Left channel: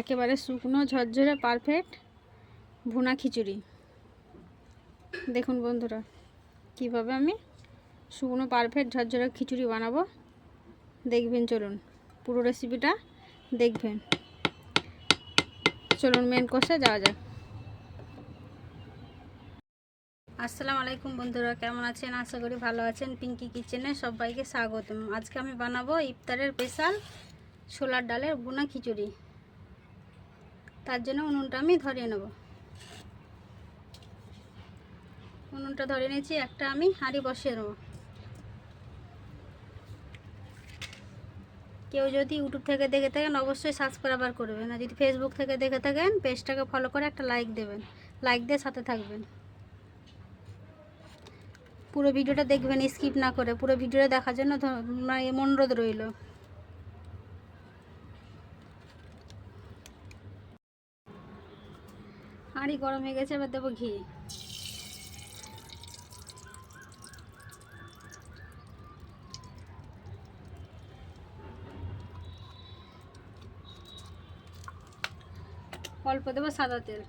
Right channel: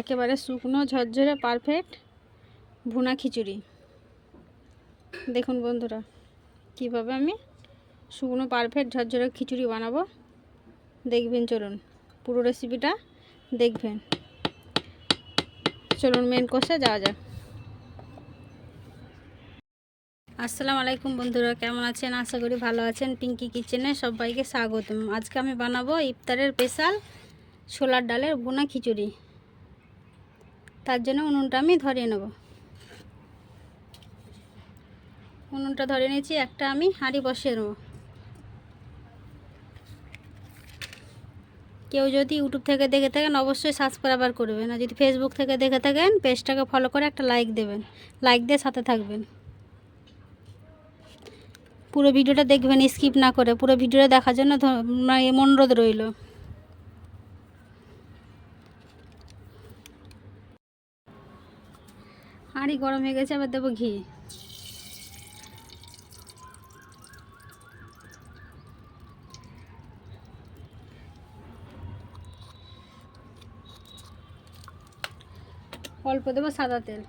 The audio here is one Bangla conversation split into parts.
একেবারে শুকনো ঝরঝরে পারফেক্ট ভুনা খিচুড়ি। দেখুন বন্ধুরা, কিভাবে আমি শুকনো পারফেক্ট ঝরঝরে খিচুড়ি বানাবো দেখবেন। চলুন পুরো রেসিপিটা দেখবেন। চলুন মেন কোর্সে যাওয়া যাক। আসসালামু আলাইকুম বন্ধুরা, কেমন আছেন? আশা করি ভালো আছেন। পিঙ্কি কিচেনে সবাইকে স্বাগতম। আজকে আমি বানাবো ইফতারের স্পেশাল ছোলার ডালের ভুনা খিচুড়ি। তার জন্য উনুনটা আমি ধরিয়ে নেব। উনুনটা ধরে নিয়েছি, একটা আমি হাঁড়ি বসিয়ে নেব। কেউ যদি ইউটিউব থেকে দেখে থাকেন অবশ্যই সাবস্ক্রাইব করবেন, আর যদি ফেসবুক থেকে দেখে থাকেন পেজটাকে ফলো করে একটা লাইক দেবেন। লাইক দিয়ে সাথে থাকবেন, পুরো ভিডিওটা দেখবেন স্কিপ না করে। পুরো ভিডিওটা দেখার জন্য অনুরোধ রইল। হাঁড়ি গরম হয়ে গেছে, এবার দেবো ঘি। অল্প দেবো সাদা তেল।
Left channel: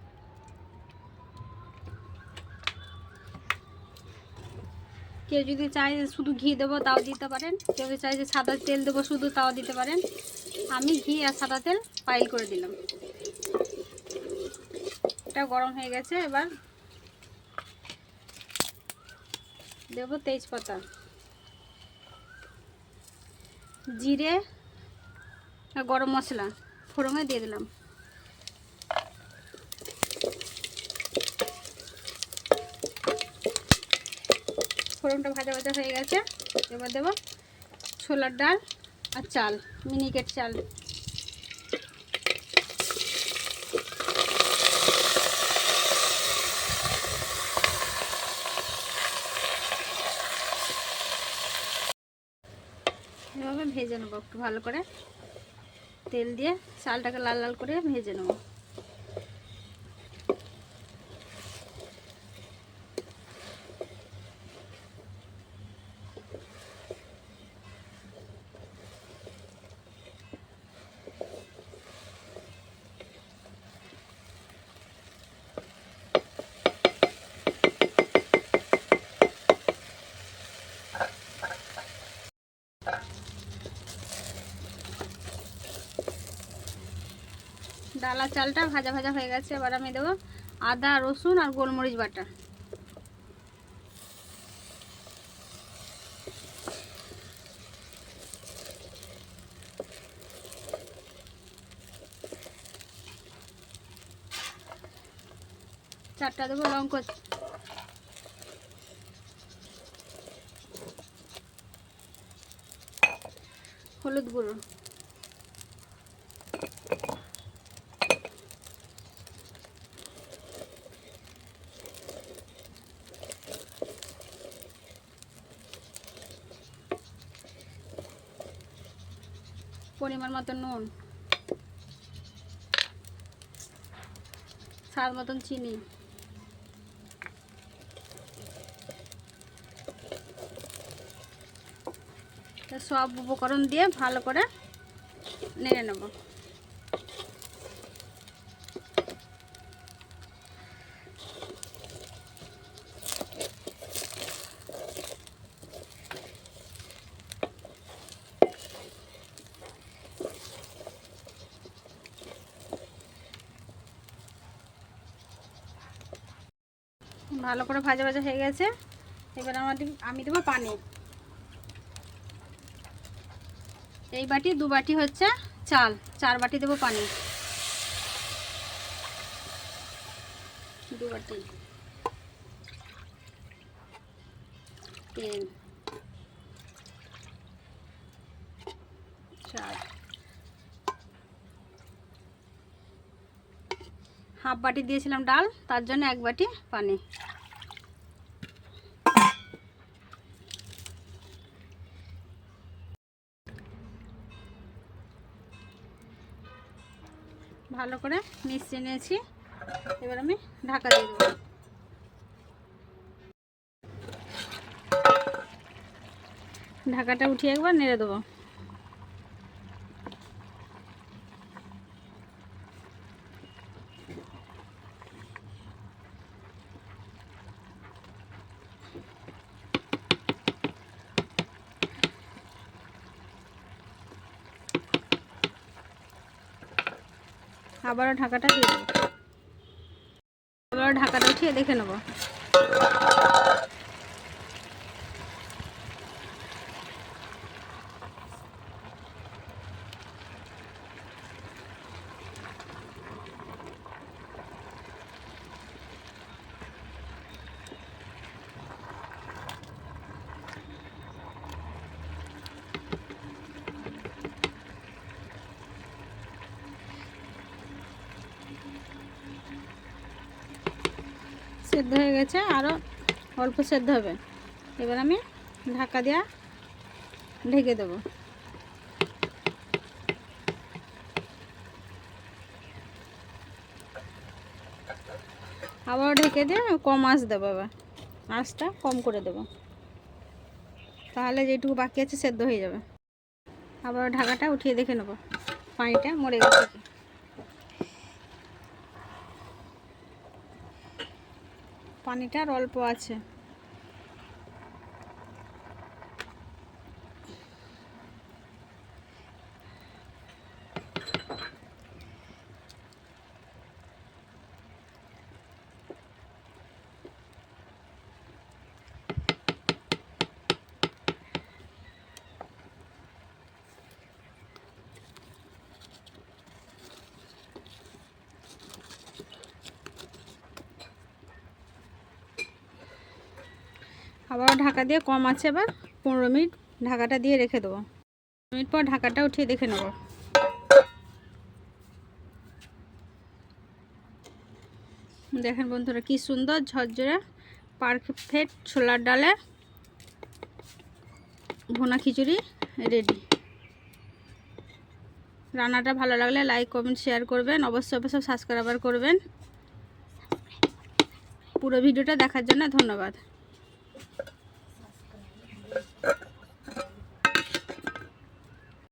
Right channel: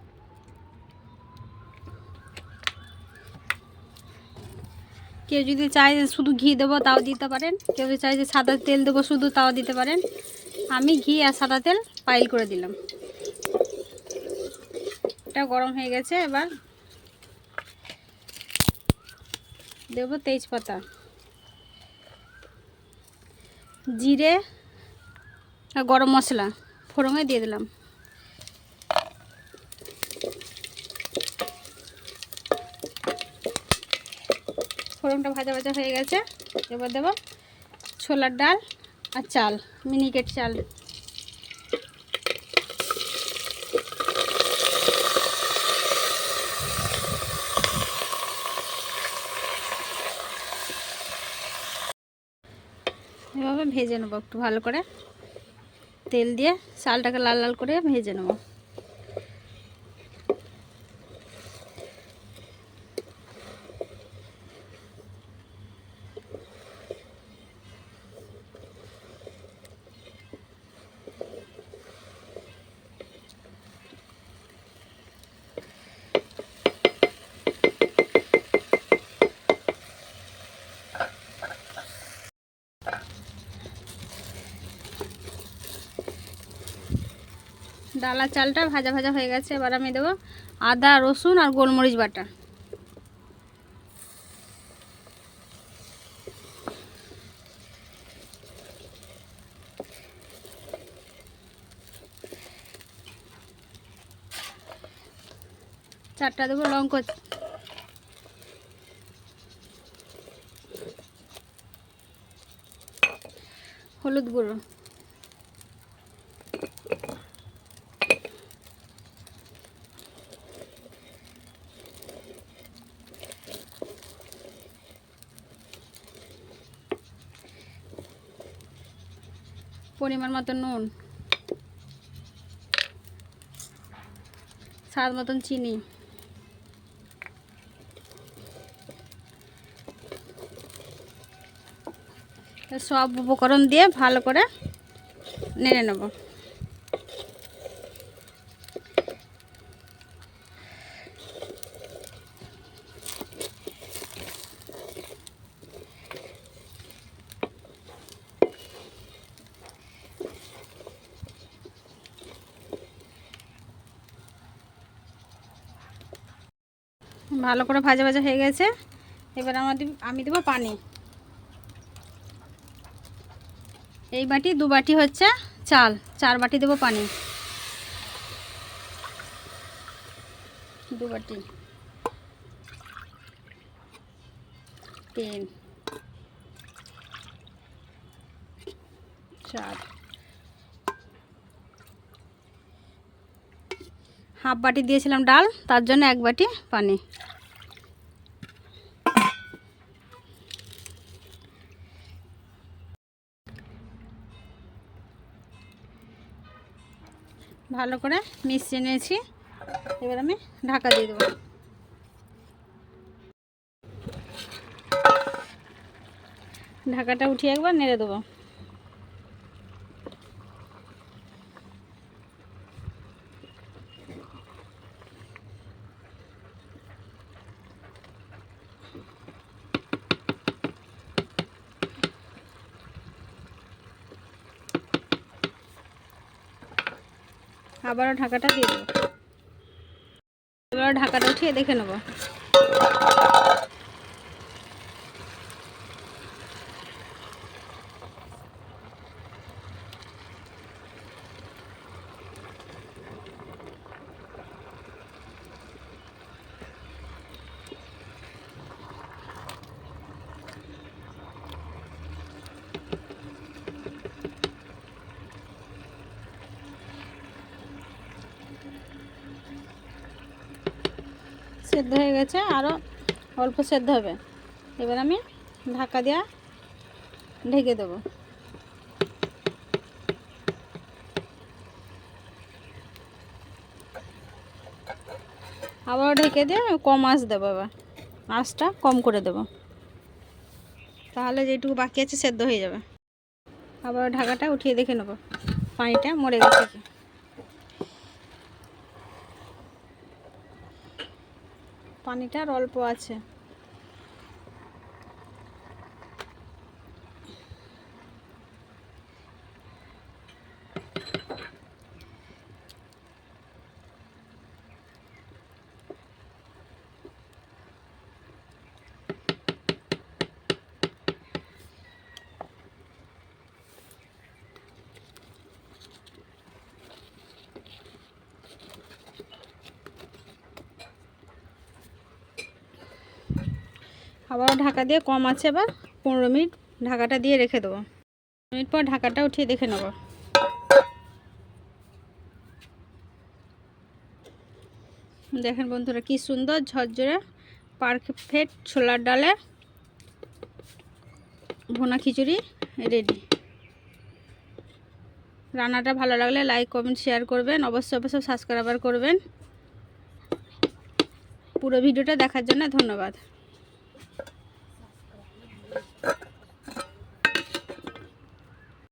কেউ যদি চায় যে শুধু ঘি দেবো তাও দিতে পারেন, কেউ যদি চায় যে সাদা তেল দেবো শুধু তাও দিতে পারেন। আমি ঘি আর সাদা তেল পাইল করে দিলাম। এটা গরম হয়ে গেছে, এবার দেবো তেজপাতা, জিরে আর গরম মশলা ফোড়নে দিয়ে দিলাম। ফোড়নটা ভাজা ভাজা হয়ে গেছে, এবার দেবো ছোলার ডাল আর চাল, মিনিকেট চাল। এভাবে ভেজে নেবো একটু ভালো করে, তেল দিয়ে চালটাকে লাল লাল করে ভেজে নেবো। ডালা চালটা ভাজা ভাজা হয়ে গেছে, এবার আমি দেবো আদা রসুন আর গোলমরিচ বাটা। চারটা দেবো লঙ্কা, হলুদ গুঁড়ো, পরিমাণ মতো নুন, স্বাদ মতন চিনি। সব উপকরণ দিয়ে ভালো করে নেড়ে নেব। ভালো করে ভাজা ভাজা হয়ে গেছে, এবার আমি দেবো পানি। এই বাটি 2 বাটি হচ্ছে চাল, 4 বাটি দেবো পানি। 2 বাটি তেল, 4 হাফ বাটি দিয়েছিলাম ডাল, তার জন্য 1 বাটি পানি। ভালো করে মিশিয়ে নিয়েছি, এবার আমি ঢাকা দিয়ে দেবো। ঢাকাটা উঠিয়ে একবার নেড়ে দেবো। আবারও ঢাকাটা দিয়ে দেবো। আবারও ঢাকাটা উঠিয়ে দেখে নেব। সেদ্ধ হয়ে গেছে, আরও অল্প সেদ্ধ হবে। এবার আমি ঢাকা দিয়ে ঢেকে দেবো। আবার ঢেকে দিয়ে কম আঁচ দেবো। এবার আঁচটা কম করে দেবো, তাহলে যেটুকু বাকি আছে সেদ্ধ হয়ে যাবে। আবার ঢাকাটা উঠিয়ে দেখে নেব পানিটা মরে গেছে কি। পানিটা আর অল্প আছে। আবারও ঢাকা দিয়ে কম আছে, এবার 15 মিনিট ঢাকাটা দিয়ে রেখে দেবো। মিনিট পর ঢাকাটা উঠিয়ে দেখে নেব। দেখেন বন্ধুরা কি সুন্দর ঝরঝরে পারফেক্ট ছোলার ডালে ভুনা খিচুড়ি রেডি। রান্নাটা ভালো লাগলে লাইক কমেন্ট শেয়ার করবেন, অবশ্যই সাবস্ক্রাইব করবেন। পুরো ভিডিওটা দেখার জন্য ধন্যবাদ।